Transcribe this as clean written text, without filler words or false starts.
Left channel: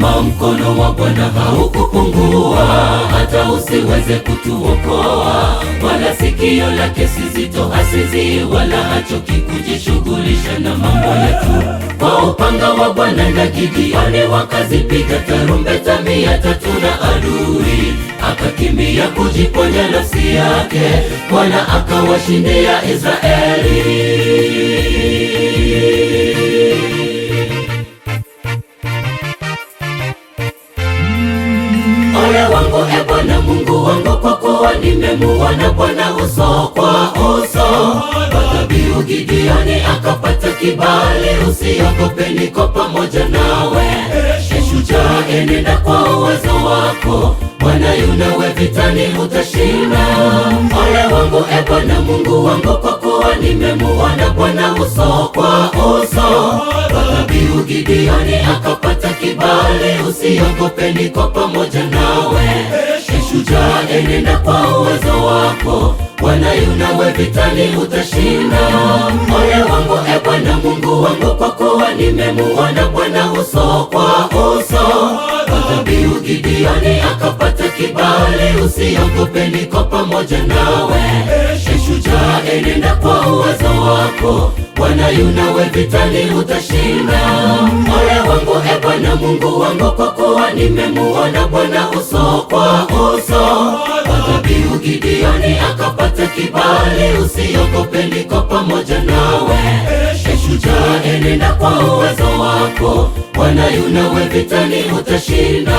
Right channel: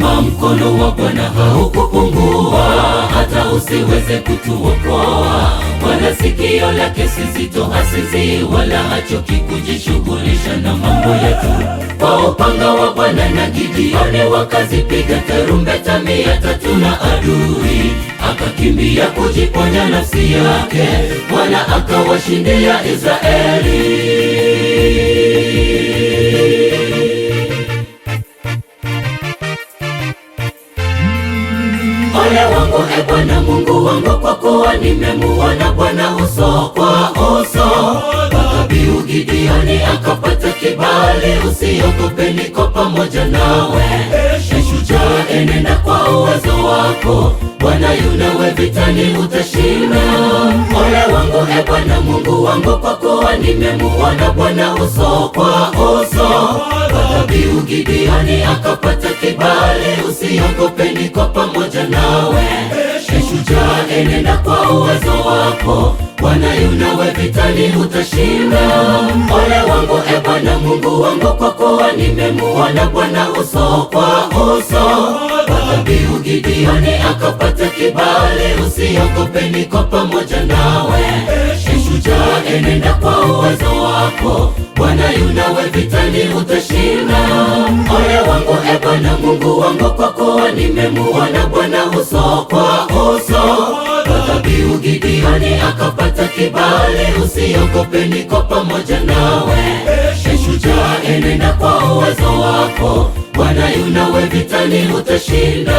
Kama mkono wa Bwana haukupungua, hata usiweze kutuokoa. Bwana sikio lake si zito, hasizi wala hachoki kujishughulisha na mambo yetu. Kwa upanga wa Bwana na Gideoni wakazipiga tarumbeta 300 na adui akakimbia kujiponya nafsi yake. Bwana akawashindia Israeli. Ole wangu e Bwana Mungu wangu, kwa kuwa nimemuona Bwana uso kwa uso. Kwa dhabihu Gideoni akapata kibali. Usiogope, niko pamoja nawe. Shujaa, enenda kwa uwezo wako. Bwana yu nawe vitani, utashinda. Ole wangu e Bwana Mungu wangu, kwa kuwa nimemuona Bwana uso kwa uso. Kwa dhabihu Gideoni akapata kibali. Usiogope, niko pamoja nawe. Shujaa, enenda kwa uwezo wako. Bwana yu nawe vitani, utashinda. Ole wangu e Bwana Mungu wangu, kwa kuwa nimemuona Bwana uso kwa uso. Kwa dhabihu Gideoni akapata kibali. Usiogope, niko pamoja nawe. Shujaa, enenda kwa uwezo wako. Bwana yu nawe vitani, utashinda. Ole wangu e Bwana Mungu wangu, kwa kuwa nimemuona Bwana uso kwa uso. Kwa dhabihu Gideoni akapata kibali. Usiogope, niko pamoja nawe. Shujaa, enenda kwa uwezo wako. Bwana yu nawe vitani, utashinda.